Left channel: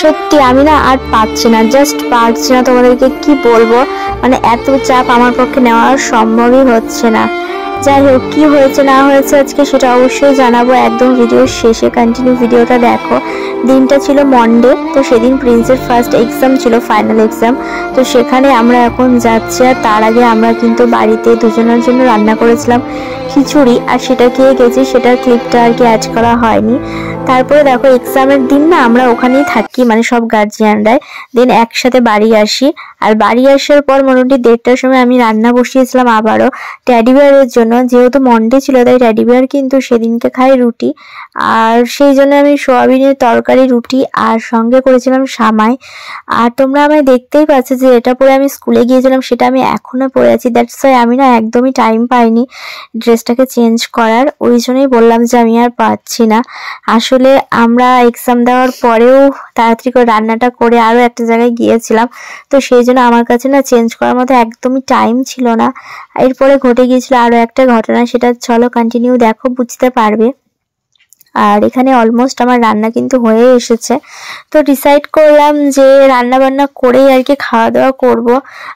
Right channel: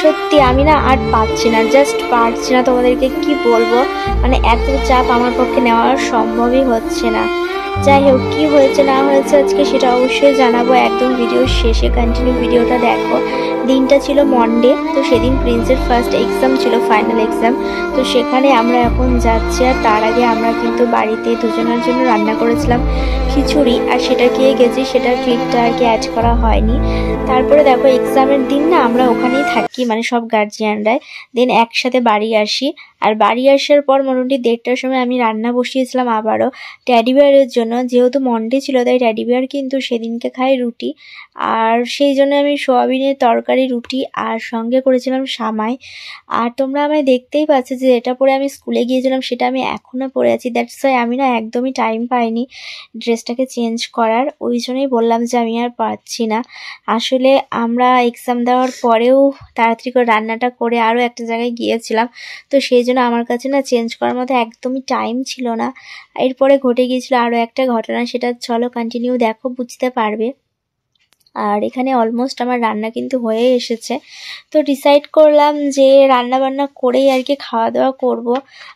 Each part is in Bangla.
সত্যি আমি না আর পারছি না, জাস্ট পারছি না, তোমাদেরকে কি বলবো, মানে এত চাপ আমার পক্ষে নেওয়া সম্ভবই হচ্ছে না। যাই হোক, কি হয়েছে না হয়েছে আজকে সেটা অবশ্যই জানাবো একদম ভিডিওর শেষে, কন্টিনিউ ভিডিওটা দেখো। দিনটা ছিল মন্ডে, তো সেদিন প্রিন্সের ফার্স্ট এক্সাম ছিল, ফাইনাল এক্সাম। তো সেখানে আমরা এখন যাচ্ছি, আর তার আগে আমরা কিন্তু বাড়িতে দুজনের জন্য রান্না করেছিলাম খিচুড়ি, আর সেটা খেয়ে গেছি, সেটার ক্লিপটা আর কি অ্যাড করা হয়নি। তারপরে দেখো এক্সামের দিন না আমরা ওখানেই থাকি, মানে সব গার্জিয়ানরাই, দিন একসাথে বাড়ি আসি। আর বাড়ি আসার পর মোটামুটি 1:30টার সময় আমি রান্না বসিয়েছিলাম আবারও টেডি বিয়ারের জন্য, যেহেতু মন্ডে ছিল তাই টেডি বিয়ার কিন্তু সেদিনকে খায় রুটি, আর সেই জন্য আমি সোয়াবিনের তরকারি, রুটি আর সঙ্গে করেছিলাম সামাই। আর তোমরা আমায় দেখতেই পাচ্ছ যে এটা পরে আমি স্কুলে গিয়েছিলাম, সেটা আমি এখনো পরে আছি। দ্যাটস ওয়াই আমি না একদমই টাইম পাইনি ড্রেসটাকে চেঞ্জ করার, ওই জন্যই বললাম যে আমি আর পাচ্ছি না। আসলে আমরা এক্সাম দেওয়ার পরেও তাড়াতাড়ি করে রান্নাটা করে আরও একটা জায়গায় গিয়েছিলাম, তো সেই জন্য আমার কাছে না চেঞ্জ করার মতো একদমই টাইম ছিল না। এরপরে ঘটে গিয়েছিল আরও একটা ঘটনা, সেটা চলো কন্টিনিউ দেখো, বুঝতে পারবে। আর এখানে অলমোস্ট আমার রান্না কিন্তু হয়ে এসেছে, তো ডিসাইড করলাম যে রান্না বান্না করেই আর কি খাওয়া দাওয়া করব।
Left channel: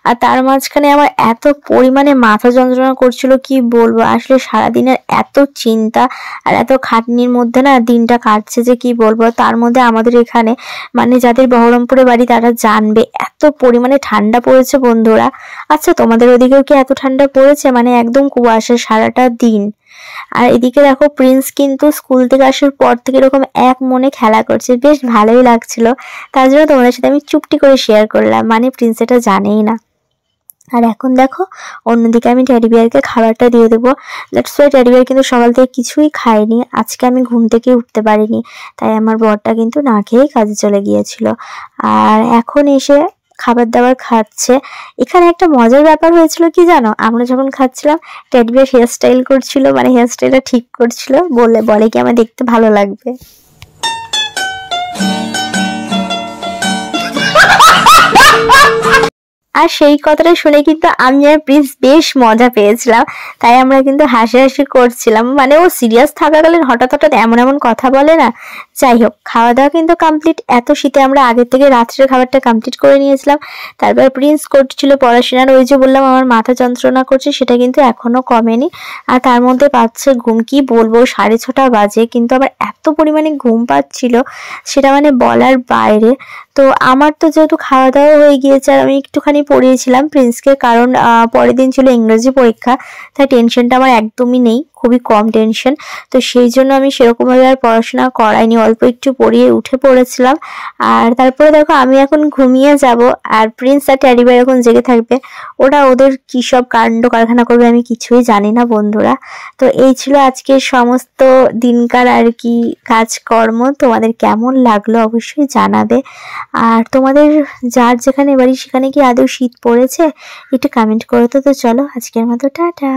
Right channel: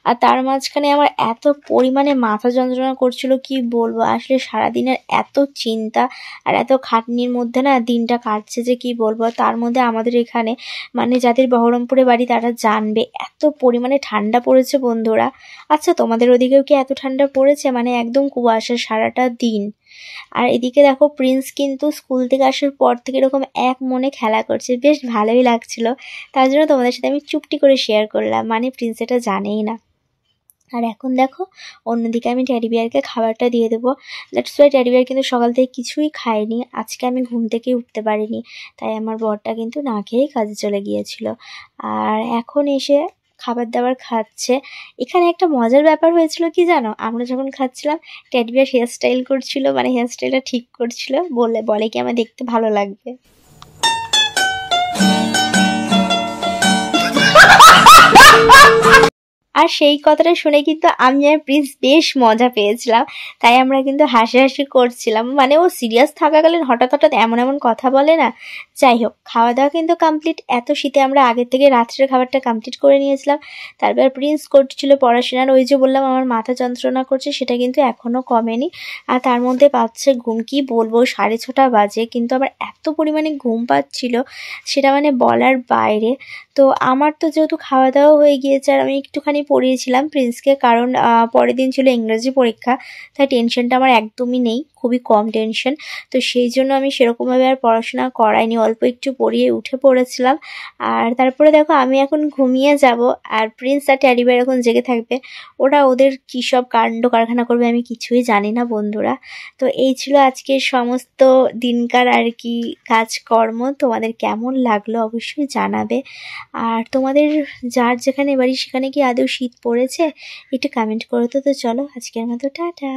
আর তার মাঝখানে আমার এত পরিমাণে মাথা যন্ত্রণা করছিল কি বলবো, আসলে সারাদিনের এত চিন্তা আর এত খাটনির মধ্যে না দিনটা কাটছে যে কি বলবো। তার মধ্যে আমাদের এখানে, মানে যাদের বহরমপুরে বাড়ি তারা জানবে, এত পরিমাণে ঠান্ডা পড়েছে বন্ধুরা। আচ্ছা তোমাদের ওদিকেও কি এত ঠান্ডা পড়েছে? মানে একদম কুয়াশা সারাটা দিন। আর এদিকে দেখো প্রিন্স কিন্তু স্কুল থেকে আসার পর থেকে এরকম এক মনে খেলা করছে, বেশ ভালোই লাগছিল। তার জন্য তোমাদের সাথে আমি চুপটি করে শেয়ার করলাম, মানে প্রিন্স এটা জানেই না। আর এখন দেখো অন্যদিকে আমি টেডি বিয়ারকে খাবারটা দিয়ে দেবো। দ্যাটস ওয়াই টেডি বিয়ার কিন্তু সকাল থেকে কিছুই খায়নি, আজকে আমি ঘুম থেকে উঠতে পারিনি, তাই আমার বরটা কিন্তু না খেয়েই কাজে চলে গিয়েছিল। আর এখন এসে খাবার দাবার খাচ্ছে। এখানে একটা মজার ব্যাপার হয়েছিল কি জানো, আমরা যখন খাচ্ছিলাম টেডি বিয়ার হেয়ার স্টাইল করছিল, মানে হেয়ার স্টাইলটা ঠিক করছিল, বলে কি আমার দেখতে ভালো লাগবে। আর সেই কথাটা শুনে কিন্তু আমি আর প্রিন্স বেশ মজা পেয়েছিলাম, তাই আমরা কিন্তু হাসি করছিলাম। মানে ও সিরিয়াস থাকাকালীন হঠাৎ হঠাৎ এমন এমন কথা বলে না। যাই হোক, খাওয়া দাওয়া কিন্তু কমপ্লিট। এত শীতে আমরা আগের থেকে রাত্রের খাবারটা কমপ্লিট করে নিয়েছিলাম। তারপর প্রিন্স করছিল পড়াশোনার, ওই যে বললাম আমার মাথা যন্ত্রণা করছে, সেটা কিন্তু এখনো কমেনি। আর তার মধ্যে পাচ্ছে ঘুম, কি বলবো 6:30 বাজে, কিন্তু আমার এত পরিমাণে ঘুম পাচ্ছিল সেটা মানে বলার বাইরে। তো আমার তো যেহেতু খাওয়া দাওয়া হয়ে গিয়েছে, আর আমি একটুখানি পড়িয়েছিলাম প্রিন্সকে, কারণ পরের দিন ছিল ইংরেজি পরীক্ষা, তাই টেনশনটা আমার একদমই নেই, খুবই কম টেনশন। তো সেই জন্য আমি সেরকমভাবে আর পড়াশোনা করাইনি, অল্প একটু পড়িয়ে উঠে পড়েছিলাম। আর তারপরে দেখো আমি এখন ঘুমিয়ে যাব, আর প্রিন্স আর টেডি বিয়ার এখন জেগে থাকবে। ওরা ওদের কী সব কাণ্ড কারখানা করবে আমি কিছুই জানি না বন্ধুরা। তো এই ছিল আজকের সমস্ত দিনকার আর কি কাজকর্ম। তোমাদের কেমন লাগলো অবশ্যই জানাবে। আর তোমাদের যার যেখানে বাড়ি সেখানে কি আদৌ শীত পড়েছে একটু কমেন্ট করো তো। চলো আজকের মতো টাটা।